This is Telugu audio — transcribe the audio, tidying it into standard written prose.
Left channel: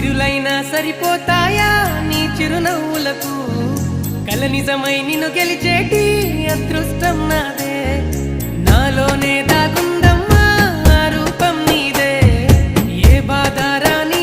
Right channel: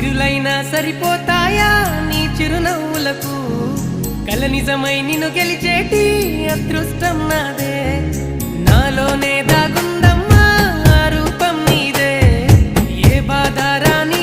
సిరులైనా సరిపోతాయా నీ చిరునవ్వులకు కల నిజమై నిన్ను గెలిచేటి అదృష్టం నాదే నాలోనే దాగుందమ్మా ఆ రూపం నీదే ఏ బాధారా